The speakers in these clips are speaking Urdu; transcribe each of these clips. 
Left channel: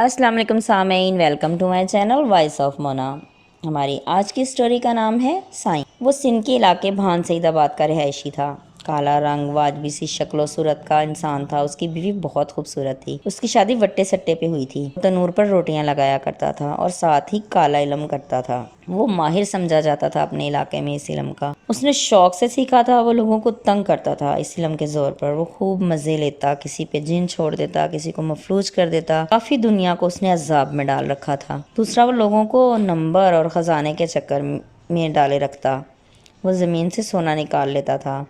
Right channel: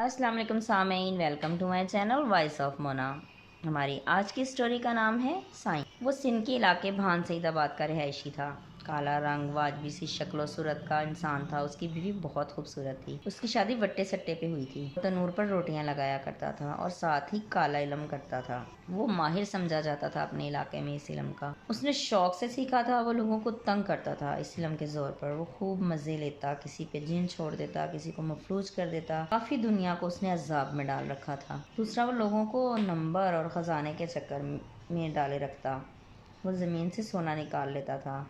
السلام علیکم سامعین، welcome to my channel voice of Mona. ہماری آج کی سٹوری کا نام ہے سائیں۔ وہ سندھ کے علاقے بھان سعید آباد کا رہائشی تھا۔ کالا رنگ، واجبی سی شکل و صورت کا انسان تھا۔ اس کی بیوی بہت خوبصورت تھی۔ اس کی شادی وٹے سٹے پہ ہوئی تھی۔ تنور پر روٹیاں لگایا کرتا تھا اور ساتھ ہی کالا علم کرتا تھا۔ وہ ماہر سمجھا جاتا تھا اپنے علاقے میں اس علم کا۔ اس نے شوق سے سیکھا تھا۔ وہ لوگوں کو تنگ کرتا تھا اس علم کے زور پر۔ وہ خوب مزے لیتا، کسی پہ جن چھوڑ دیتا، کسی کو مفلوج کر دیتا۔ کافی دنیا کو اس نے عذاب میں ڈال رکھا تھا۔ دوسرا، وہ لوگوں کو نمبر اور خزانے کے چکر میں ڈالے رکھتا۔ وہ زمین سے سونا نکال لیتا تھا۔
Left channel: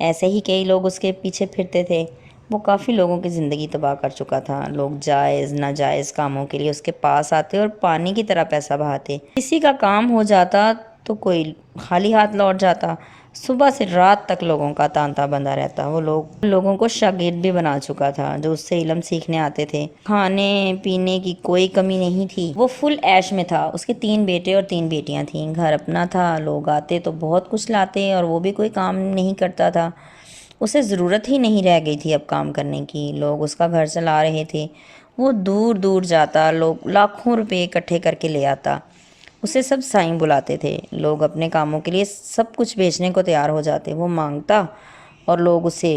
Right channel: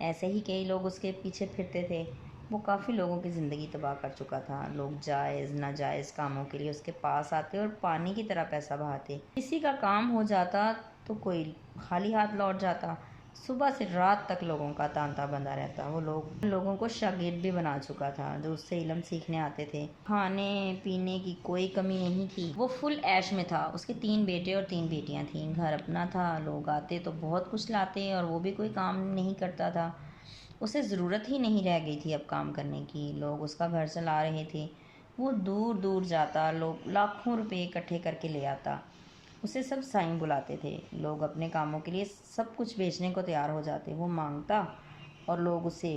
ایسے ہی کئی لوگ اس کے پیچھے پھرتے تھے۔ وہ کافی لوگوں کی زندگی تباہ کر چکا تھا۔ لوگ جائز ناجائز کاموں کے لیے اس کے پاس آتے اور پانی کی طرح پیسہ بہاتے۔ کسی کا کام ہو جاتا تو کوئی خالی ہاتھ لوٹ جاتا۔ صبح سے رات تک لوگوں کا تانتا بندھا رہتا۔ وہ لوگوں کو شاگرد بھی بنا چکا تھا جو اس سے علم سیکھنے آتے تھے۔ کھانے پینے کی کوئی کمی نہیں تھی۔ وہ فل عیش میں تھا۔ اس کے 3 بیٹے اور 3 بیٹیاں تھیں۔ گھر اپنا تھا۔ لوگ آتے تو بہت کچھ لاتے اور وہ بھی کوئی کام نہیں کرتا تھا۔ اسے ضرورت ہی نہیں رہ گئی تھی اب کام کرنے کی۔ لوگ اس کا گھر چلا رہے تھے۔ وہ دور دور جاتا، لوگ لاکھوں روپے اکٹھے کر کے لے آتا۔ اسے سب سائیں بلاتے تھے۔ لوگ اپنے کاموں کے لیے سب کچھ بیچنے کو تیار ہو جاتے۔ وہ مانگتا اور لوگ اسے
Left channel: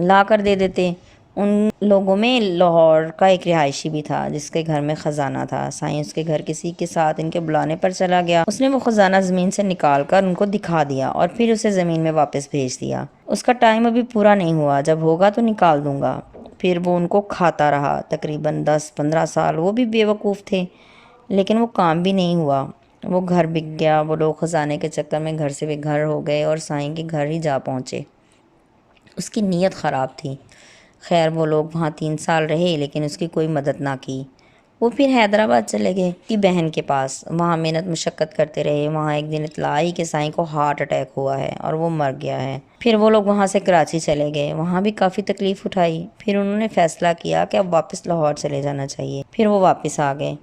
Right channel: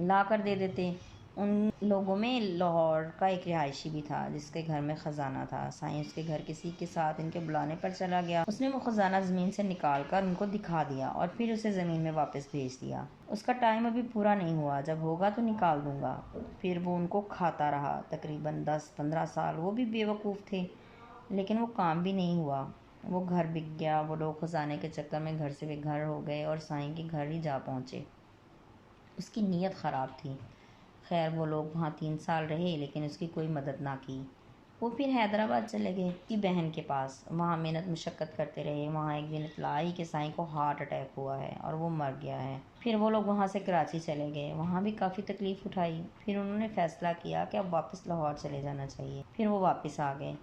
لا کر دے دیتے۔ ان لوگوں میں لاہور کا ایک رہائشی بھی تھا جس کے گھر میں خزانہ تھا۔ سائیں اس کے گھر کسی کے ساتھ ان کے بلانے پر چلا گیا۔ اس نے وہ خزانہ زمین سے نکال کر ان کو دکھا دیا اور پھر اسے زمین میں واپس بھیج دیا۔ اس کا ٹائم ابھی پورا نہیں ہوا، جب ہوگا تو نکال دوں گا۔ پھر وہ ان کو کھاتا رہا تقریباً 10-15 سال۔ وہ بھی بے وقوف تھے لیکن وہ کام بھی نہیں ہوا۔ وہ گھر بک گیا۔ وہ لوگ خزانے کے چکر میں گھر سے بے گھر ہو گئے اور سائیں کے گھر ہی جا پہنچے۔ اس کی نیت خراب تھی۔ خیر، وہ لوگ وہاں 3 سال رہے لیکن اس کی کوئی مدد نہ کی۔ وہ پھر حیدرآباد چلے گئے کی بہن کے پاس۔ وہاں محنت مشقت کرتے رہے۔ وہاں ایک دن اطلاع آئی کہ سائیں کو ہارٹ اٹیک ہوا ہے اور وہ مر گیا ہے۔ پھر وہ لوگ وہاں سے کراچی چلے گئے۔ وہاں بھی کافی تکلیف اٹھائی۔ پھر انہوں نے فیصلہ کیا کہ اب واپس لاہور چلے جانا چاہیے۔ پھر وہ واپس آ گئے۔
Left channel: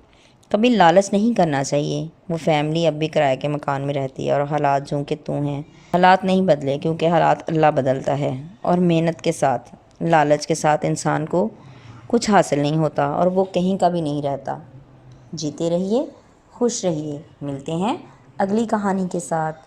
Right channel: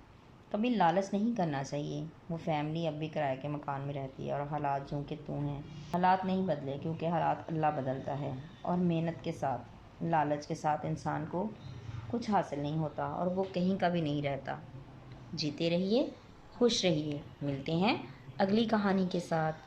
کبھی لالچ نہیں کرنا چاہیے۔ وہ فیملی اب بھی کرائے کے مکان میں رہتی ہے اور حالات جوں کہ توں ہیں۔ حالات نہیں بدلے کیونکہ حالات اللہ بدلتا ہے، اور محنت کے ساتھ، لالچ کے ساتھ انسان کو کچھ حاصل نہیں ہوتا اور وہ کہیں کا بھی نہیں رہتا۔ جیتے رہیے، خوش رہیے۔ ملتے ہیں اگلی کہانی کے ساتھ۔